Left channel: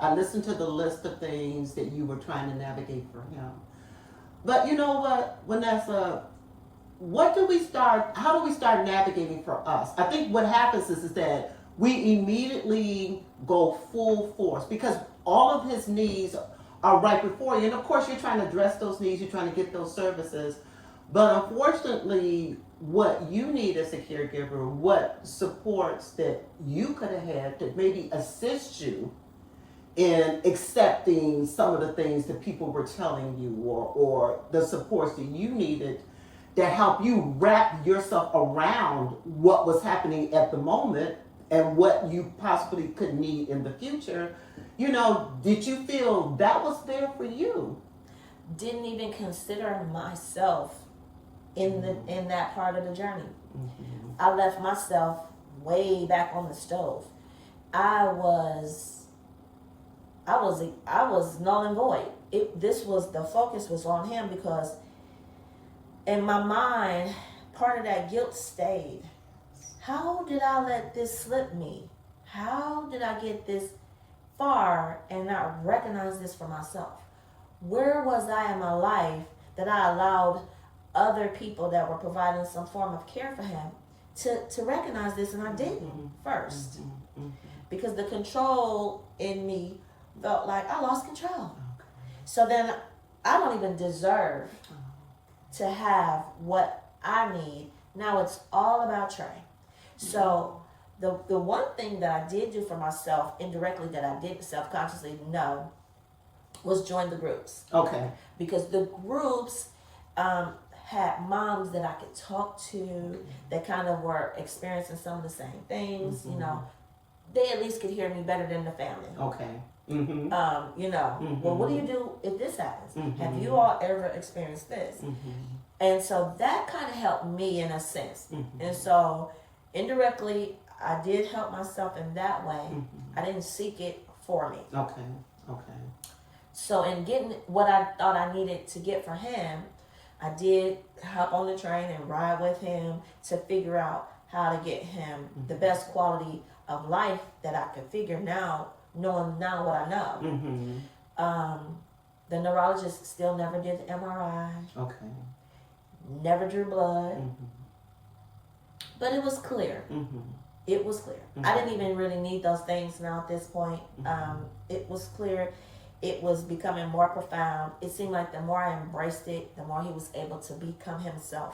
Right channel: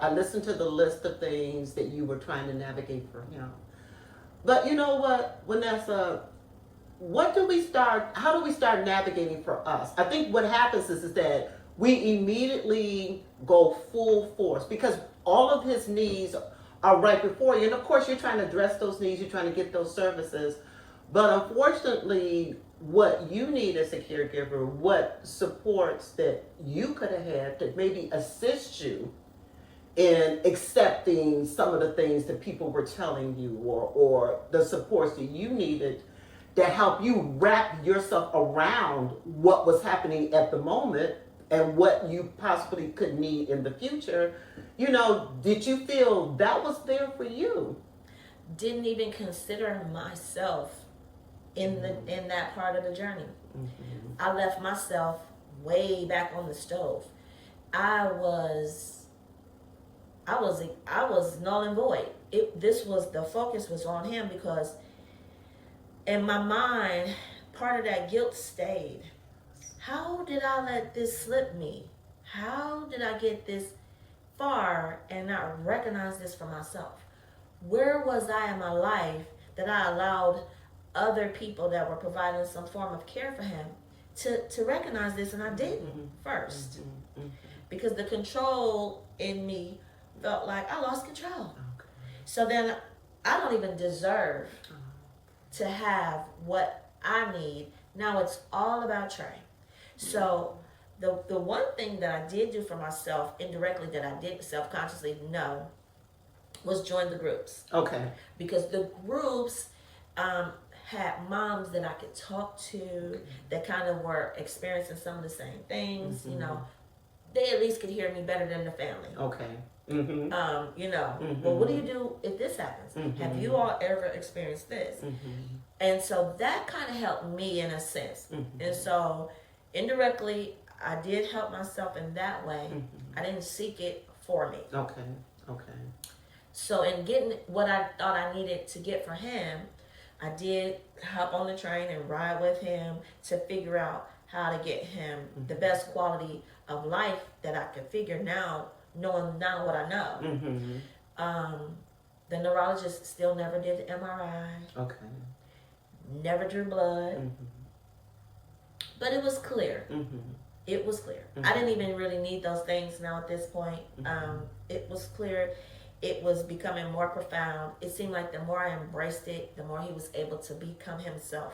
I listened to the list of things that you were trying to navigate for him. But you know what, Vanessa, how do we start navigating for us? I think what happens is that we immediately go full force because all of his needs are right before you. And of course, you're trying to address those needs, you're trying to get those services. But unfortunately, what you need as a caregiver, what supports that you could have had to maybe assist you in accepting some of the things that people were telling you, or the supports that you needed to help you wrap yourself around what was happening at the moment and what you possibly could need in the future. Did you feel that was there for you? Didn't even consider myself in that part of the journey. Mm-hmm. I left myself way back on the stove. I was null and void. The focus was on him because in my mind, part of that guilt stayed. How did I let this slip me? How did I get this far and not recognize this for myself? Where was I in my life that I allowed other people that were providing some form of care for him to recognize this, and I didn't first? Because the control in me felt like I lost control. Okay. So then I don't even deserve to have what I need. Now it's all about Trey. So the one thing that I did do for myself indirectly that I didn't self-consciously know was join the groups. Okay. Because the groups had moms that I could talk to that kind of were experiencing some of the same things. They at least could hear me better than the family. Okay. Mm-hmm. Well, what do you do if this happens? Mm-hmm. Have you all ever experienced this? Mm-hmm. And so that kind of helped me in a sense. Mm-hmm. And so indirectly, I did help myself in that way. Mm-hmm. I didn't seek it for me. Okay. So in getting what I thought I needed to get for him, I did hop on the train and ride with him to figure out how to get him the best quality of life that I could figure now, knowing now what I know. Mm-hmm. The neurologist still never did the MRI. Okay. Never drew blood. Mm-hmm. But it was clear. Mm-hmm. It was clear. Mm-hmm. I didn't even really need those things now at this point. It was clear. It was becoming more profound. It seemed like the more I embraced it, the more he was able to become himself.